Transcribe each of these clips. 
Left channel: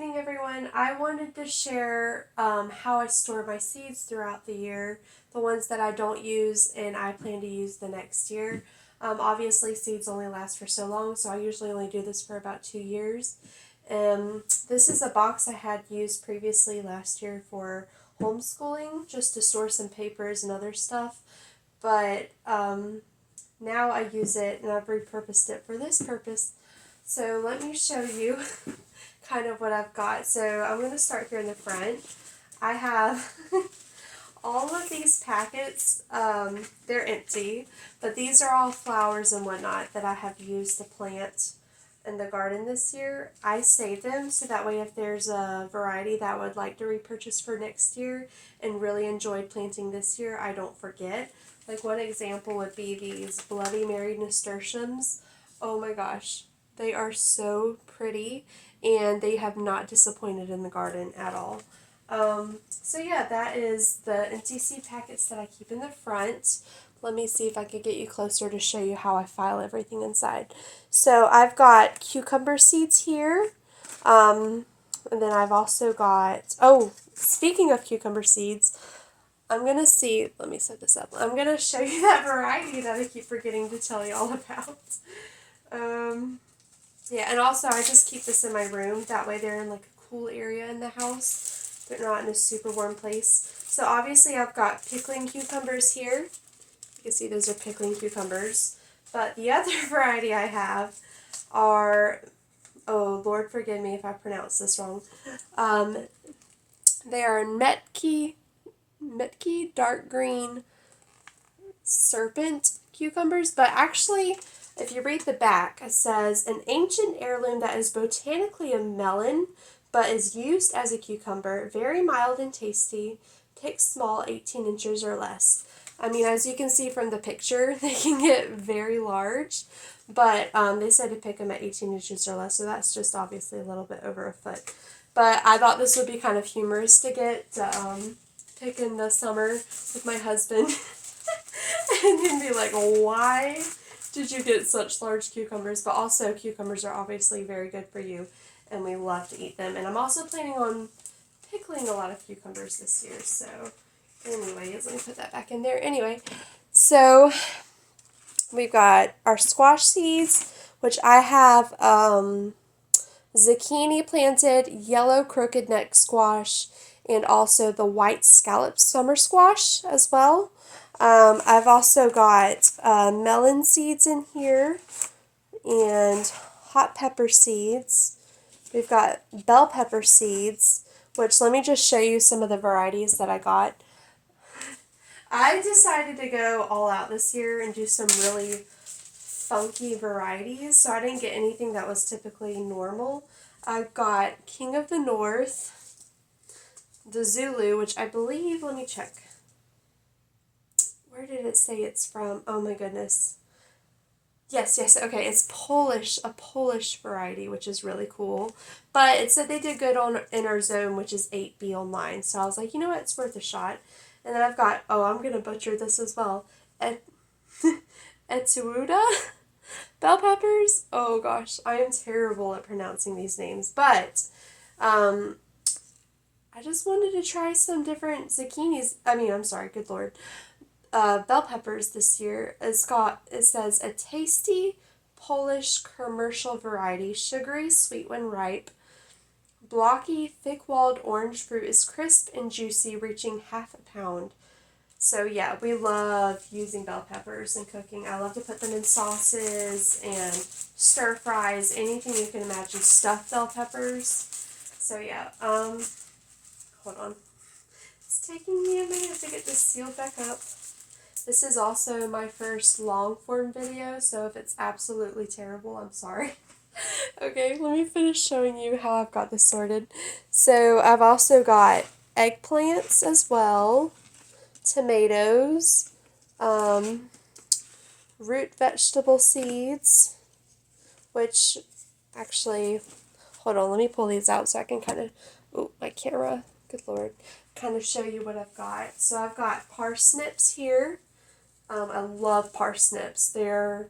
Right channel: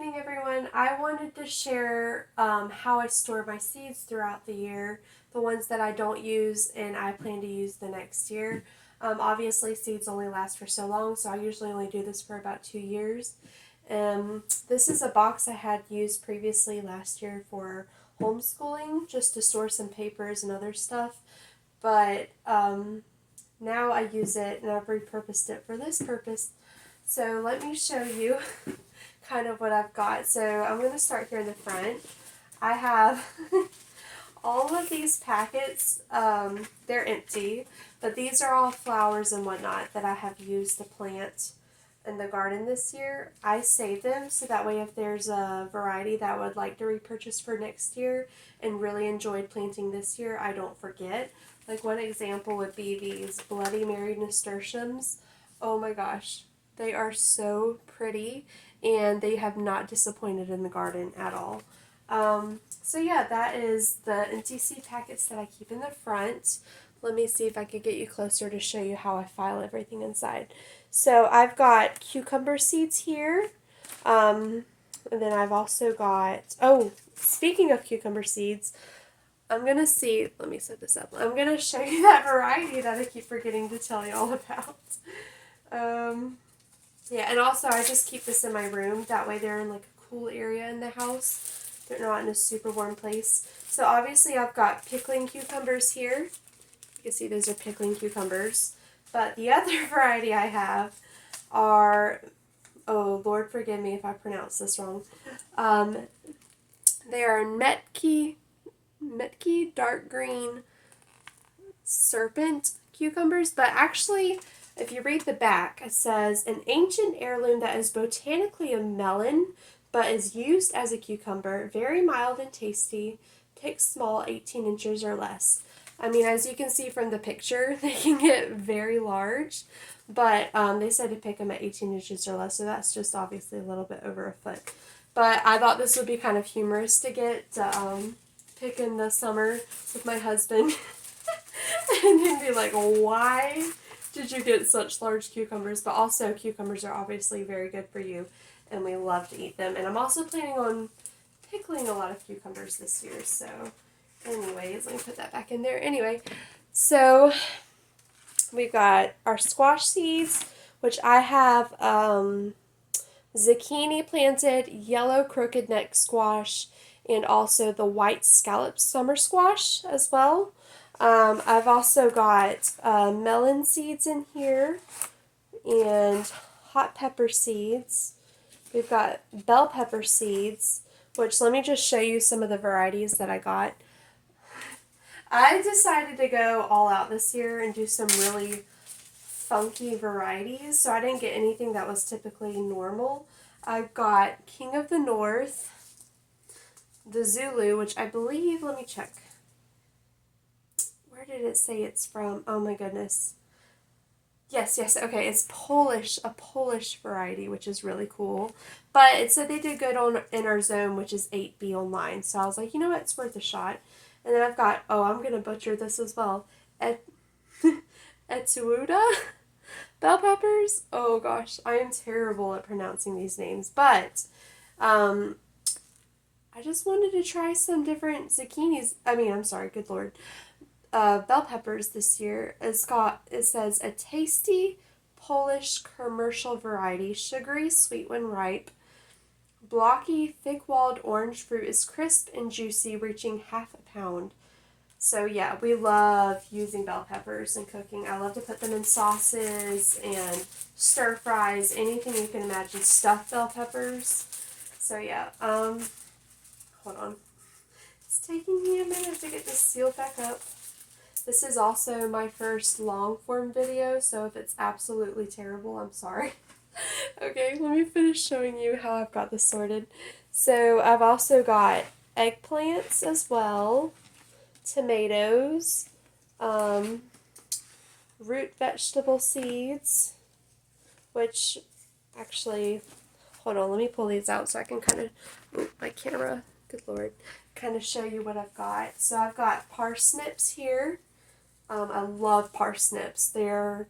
evening, everyone. I wanted to share how I store my seeds throughout the year, the ones that I don't use and I plan to use the next year. Obviously, seeds only last for so long, so I usually only do this for about 2 years. This is a box I had used previously last year for homeschooling, just to store some papers and other stuff. But now I use it and I've repurposed it for this purpose. So let me show you kind of what I've got. So I'm going to start here in the front. I have all of these packets. They're empty, but these are all flowers and whatnot that I have used to plant in the garden this year. I save them so that way if there's a variety that I would like to repurchase for next year and really enjoyed planting this year, I don't forget. Like one example would be these Bloody Mary nasturtiums. Oh my gosh, they are so pretty and they have not disappointed in the garden at all. So yeah, that is the empty seed packets that I keep in the front. Let me see if I could get you closer to show you how I file everything inside. So I've got cucumber seeds here. And then I've also got, oh, speaking of cucumber seeds, I'm going to see, let me set this up. I'm going to show you that variety that I keep forgetting to tell you all about. Yeah, and also I just keep this in my room. That way they're in like a cool area in the house. They're not in a super warm place. So obviously I've got pickling cucumbers here. You can see those are pickling cucumbers. But the other variety I have are, oh, Lord forgive me if I pronounce this wrong. They are Metki dark green serpent cucumbers, but actually, if you read the back, it says an ancient heirloom that is botanically a melon, but is used as a cucumber, very mild and tasty, pick small, 18 inches or less. I mean, as you can see from the picture, they can get very large, but they said to pick them at 18 inches or less, so that's just obviously a little bit over a foot. But I thought this would be kind of humorous to get to pick in the summer with my husband. And he'd be like, why did you get such large cucumbers? But also, cucumbers are obviously very good for you, and we love to eat them. And I'm also planning on pickling a lot of cucumbers this year. So, anyways, let me put that back in there. Anyway, so we've got our squash seeds, which I have zucchini planted, yellow crooked neck squash, and also the white scalloped summer squash as well. I've also got melon seeds in here and hot pepper seeds. We've got bell pepper seeds, which let me just show you some of the varieties that I got. I decided to go all out this year and do some really funky varieties, so I didn't get anything that was typically normal. I've got King of the North, the Zulu, which I believe, let me check. Where did it say it's from? Oh my goodness. Yes, okay, it's Polish, a Polish variety, which is really cool. But it said they did good on in our zone, which is 8B online. So I was like, you know what, it's worth a shot. And then I've got, oh, I'm going to butcher this as well. Etsuuda bell peppers. Oh gosh, I am terrible at pronouncing these names. But I just wanted to try some different zucchinis. Good Lord. Bell peppers this year. It says a tasty Polish commercial variety, sugary, sweet when ripe. Blocky, thick-walled orange fruit is crisp and juicy, reaching half a pound. So yeah, we love using bell peppers in cooking. I love to put them in sauces and stir fries, anything you can imagine. Stuffed bell peppers. So yeah, hold on. It's taking me a minute to get this sealed back up. This is also my first long form video, so if it's absolutely terrible, I'm sorry. Okay, let me finish showing you how I've got this sorted. So I've also got eggplants as well, tomatoes, root vegetable seeds, which actually, hold on, let me pull these out so I can kind of, my camera, good Lord, kind of show you what I've got. So I've got parsnips here. I love parsnips. They're,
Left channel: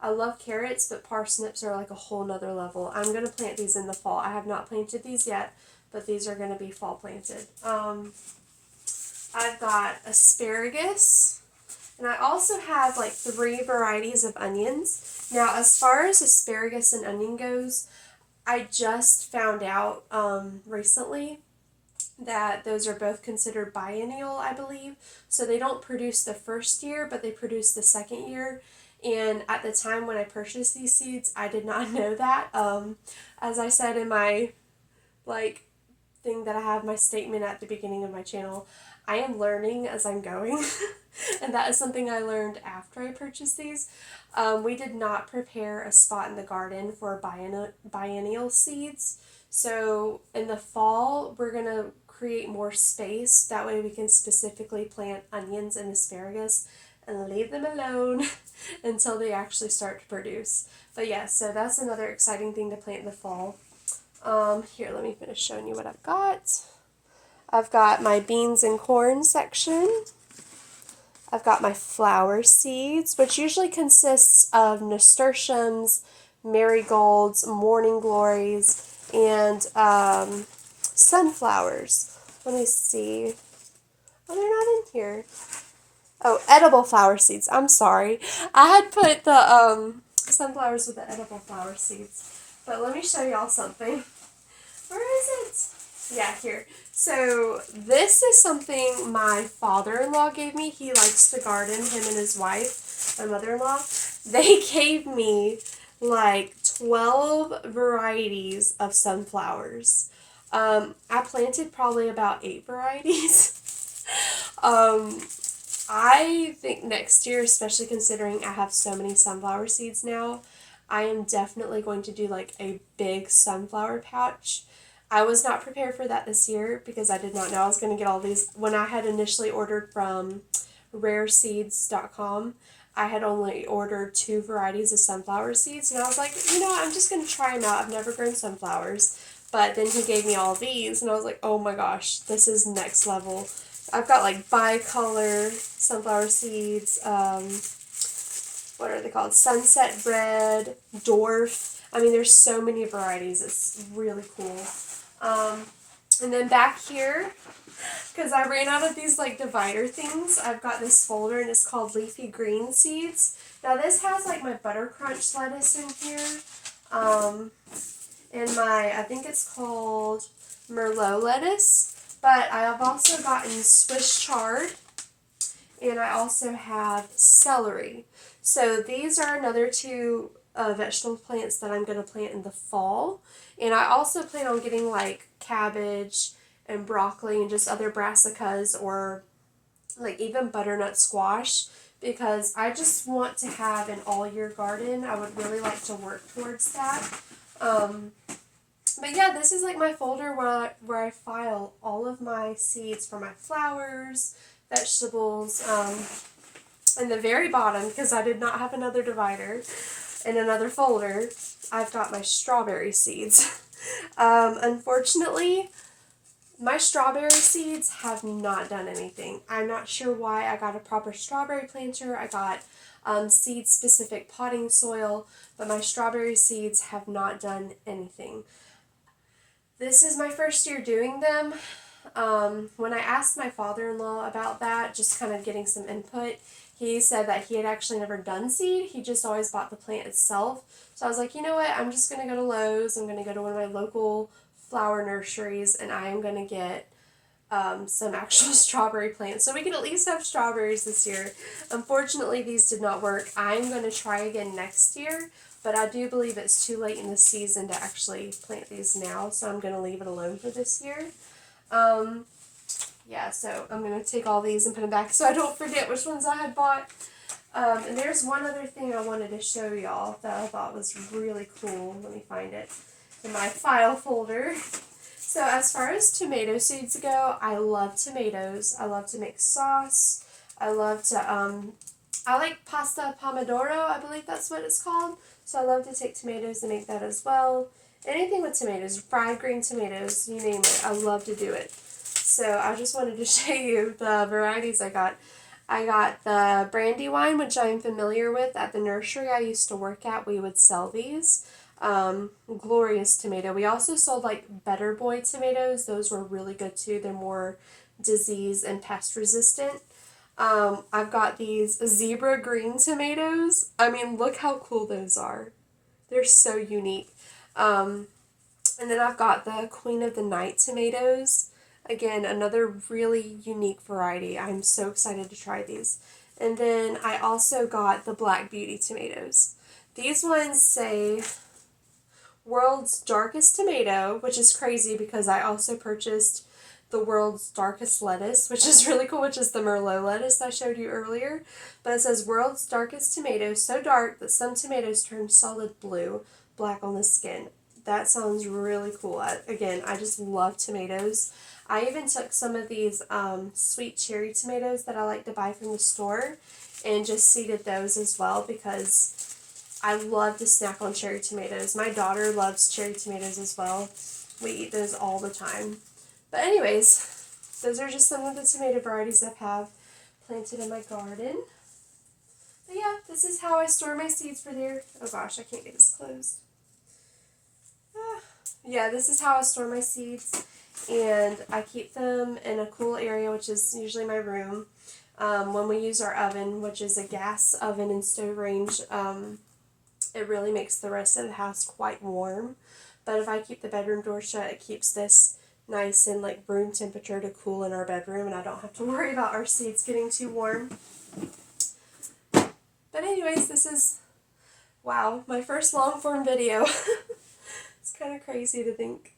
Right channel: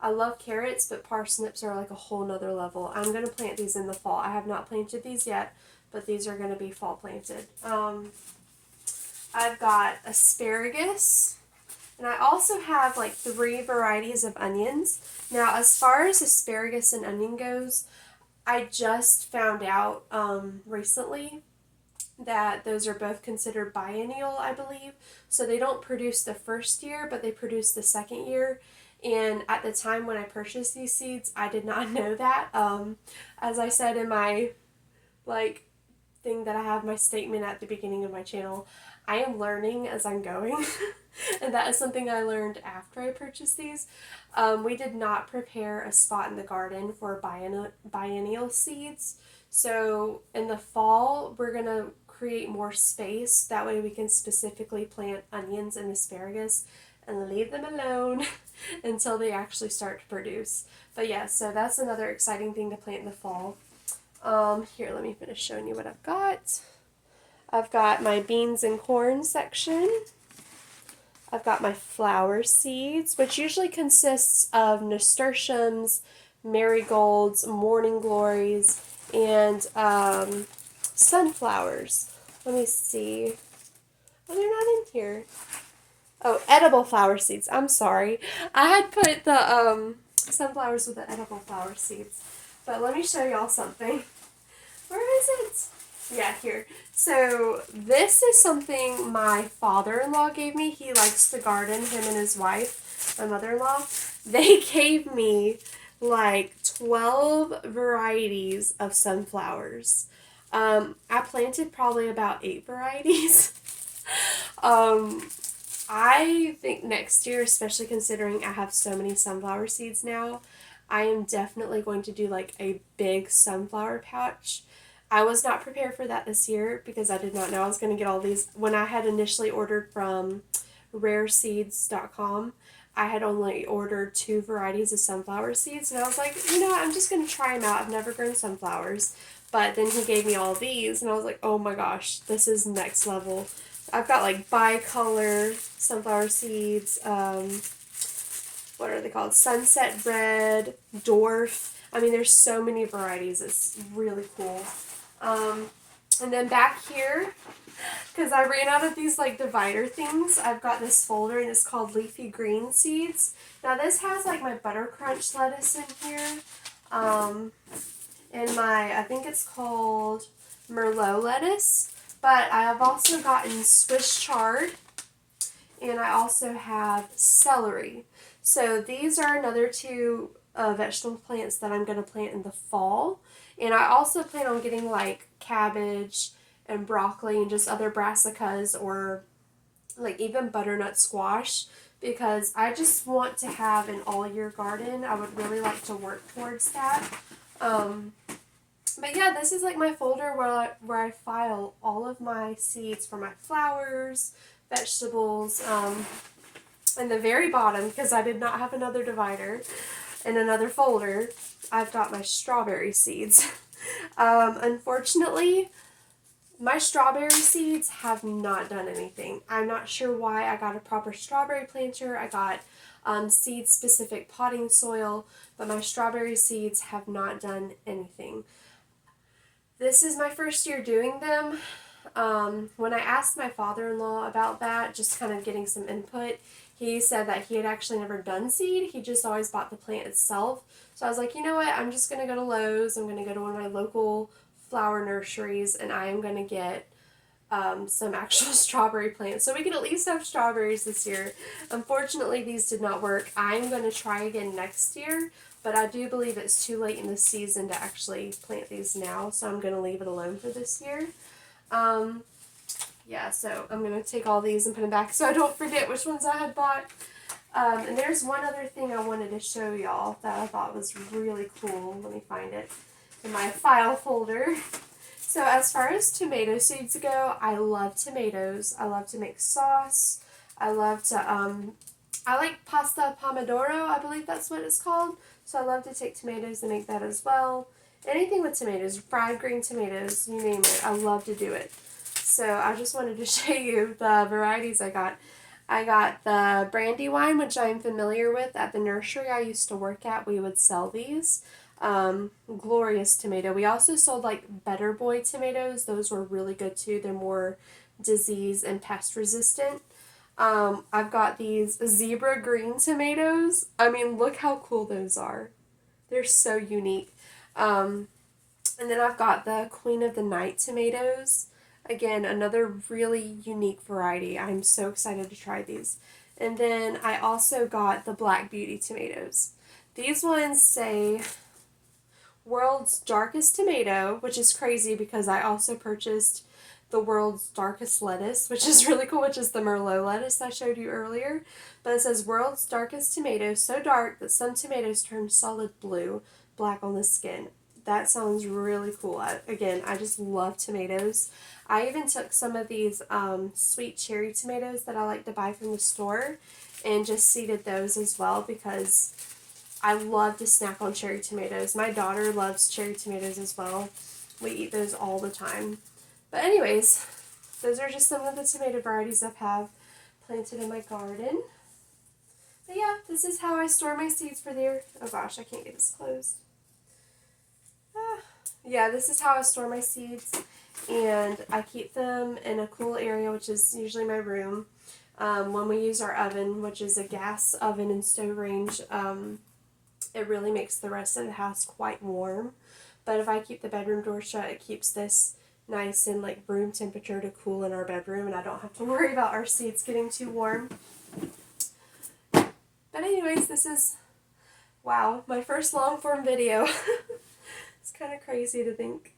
I love carrots, but parsnips are like a whole nother level. I'm going to plant these in the fall. I have not planted these yet, but these are going to be fall planted. I've got asparagus, and I also have like 3 varieties of onions. Now, as far as asparagus and onion goes, I just found out recently that those are both considered biennial, I believe. So they don't produce the first year, but they produce the second year. And at the time when I purchased these seeds, I did not know that. As I said in my like thing that I have, my statement at the beginning of my channel, I am learning as I'm going. And that is something I learned after I purchased these. We did not prepare a spot in the garden for biennial seeds. So in the fall, we're going to create more space. That way we can specifically plant onions and asparagus and leave them alone until they actually start to produce. But yeah, so that's another exciting thing to plant in the fall. Here, let me finish showing you what I've got. I've got my beans and corn section. I've got my flower seeds, which usually consists of nasturtiums, marigolds, morning glories, and sunflowers. Let me see. Oh, they're not in here. Oh, edible flower seeds. I'm sorry. I had put the sunflowers with the edible flower seeds. But let me show y'all something. Where is it? Yeah, here. So this is something my father-in-law gave me. He likes to garden, him and his wife, my mother-in-law. They gave me like 12 varieties of sunflowers. I planted probably about 8 varieties. I think next year, especially considering I have so many sunflower seeds now, I am definitely going to do like a big sunflower patch. I was not prepared for that this year because I did not know I was going to get all these. When I had initially ordered from rareseeds.com, I had only ordered 2 varieties of sunflower seeds, and I was like, you know what, I'm just going to try them out. I've never grown sunflowers. But then he gave me all these, and I was like, oh my gosh, this is next level. I've got like bicolor sunflower seeds, what are they called? Sunset red, dwarf. I mean, there's so many varieties. It's really cool. And then back here, because I ran out of these like divider things, I've got this folder and it's called Leafy Green Seeds. Now this has like my butter crunch lettuce in here. And my, I think it's called Merlot lettuce. But I have also gotten Swiss chard, and I also have celery. So these are another 2 vegetable plants that I'm going to plant in the fall. And I also plan on getting like cabbage and broccoli and just other brassicas or like even butternut squash, because I just want to have an all-year garden. I would really like to work towards that. But yeah, this is like my folder where I file all of my seeds for my flowers, vegetables. In the very bottom, because I did not have another divider, in another folder, I've got my strawberry seeds. Unfortunately, my strawberry seeds have not done anything. I'm not sure why. I got a proper strawberry planter. I got seed-specific potting soil, but my strawberry seeds have not done anything. This is my first year doing them. When I asked my father-in-law about that, just kind of getting some input, he said that he had actually never done seed. He just always bought the plant itself. So I was like, you know what? I'm just going to go to Lowe's. I'm going to go to one of my local flower nurseries, and I'm going to get some actual strawberry plants. So we can at least have strawberries this year. Unfortunately, these did not work. I'm going to try again next year. But I do believe it's too late in the season to actually plant these now, so I'm going to leave it alone for this year. Yeah, so I'm going to take all these and put them back so I don't forget which ones I had bought. And there's one other thing I wanted to show y'all that I thought was really cool. Let me find it in my file folder. So as far as tomato seeds go, I love tomatoes. I love to make sauce. I love to, I like pasta pomodoro, I believe that's what it's called. So I love to take tomatoes and make that as well. Anything with tomatoes, fried green tomatoes, you name it. I love to do it. So I just wanted to show you the varieties I got. I got the Brandywine, which I'm familiar with. At the nursery I used to work at, we would sell these. Glorious tomato. We also sold like Better Boy tomatoes. Those were really good too. They're more disease and pest resistant. I've got these zebra green tomatoes. I mean, look how cool those are. They're so unique. And then I've got the Queen of the Night tomatoes. Again, another really unique variety. I'm so excited to try these. And then I also got the Black Beauty tomatoes. These ones say World's Darkest Tomato, which is crazy because I also purchased the World's Darkest Lettuce, which is really cool, which is the Merlot lettuce I showed you earlier. But it says World's Darkest Tomato, so dark that some tomatoes turn solid blue, black on the skin. That sounds really cool. I just love tomatoes. I even took some of these sweet cherry tomatoes that I like to buy from the store and just seeded those as well because I love to snack on cherry tomatoes. My daughter loves cherry tomatoes as well. We eat those all the time. But anyways, those are just some of the tomato varieties I have planted in my garden. But yeah, this is how I store my seeds for the year. Oh gosh, I can't get this closed. Yeah, this is how I store my seeds. And I keep them in a cool area, which is usually my room. When we use our oven, which is a gas oven and stove range, it really makes the rest of the house quite warm. But if I keep the bedroom door shut, it keeps this nice and like room temperature to cool in our bedroom, and I don't have to worry about our seeds getting too warm. But anyways, this is, wow, my first long form video. It's kind of crazy to think.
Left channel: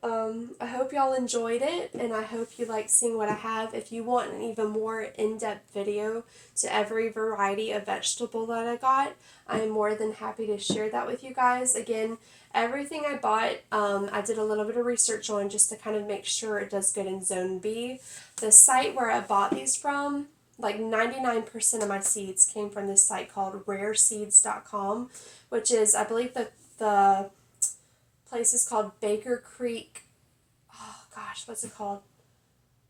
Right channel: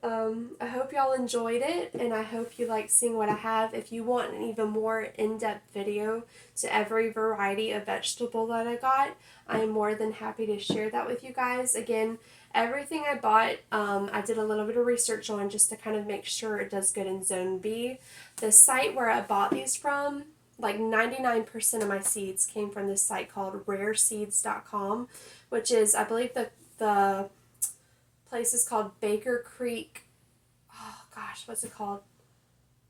I hope y'all enjoyed it, and I hope you like seeing what I have. If you want an even more in-depth video to every variety of vegetable that I got, I am more than happy to share that with you guys. Again, everything I bought, I did a little bit of research on just to kind of make sure it does good in Zone B. The site where I bought these from, like 99% of my seeds came from this site called rareseeds.com, which is, I believe the place is called Baker Creek. Oh gosh, what's it called?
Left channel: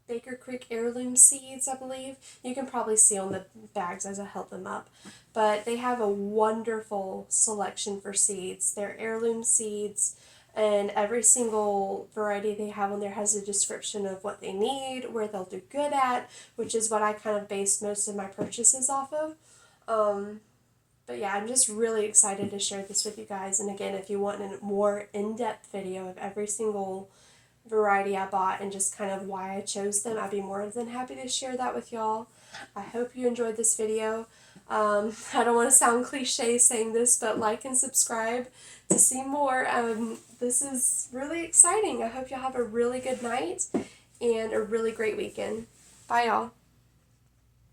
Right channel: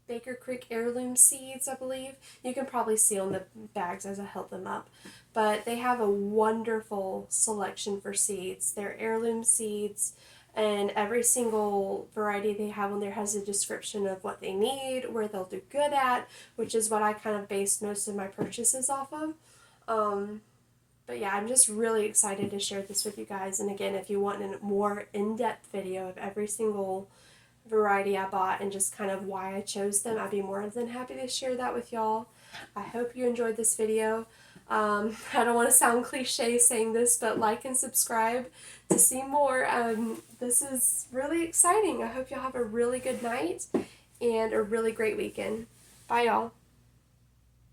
Baker Creek Heirloom Seeds, I believe. You can probably see on the bags as I held them up. But they have a wonderful selection for seeds. They're heirloom seeds, and every single variety they have on there has a description of what they need, where they'll do good at, which is what I kind of based most of my purchases off of. But yeah, I'm just really excited to share this with you guys. And again, if you want a more in-depth video of every single variety I bought and just kind of why I chose them, I'd be more than happy to share that with y'all. I hope you enjoyed this video. I don't want to sound cliche saying this, but like and subscribe to see more. This is really exciting. I hope y'all have a really good night and a really great weekend. Bye, y'all.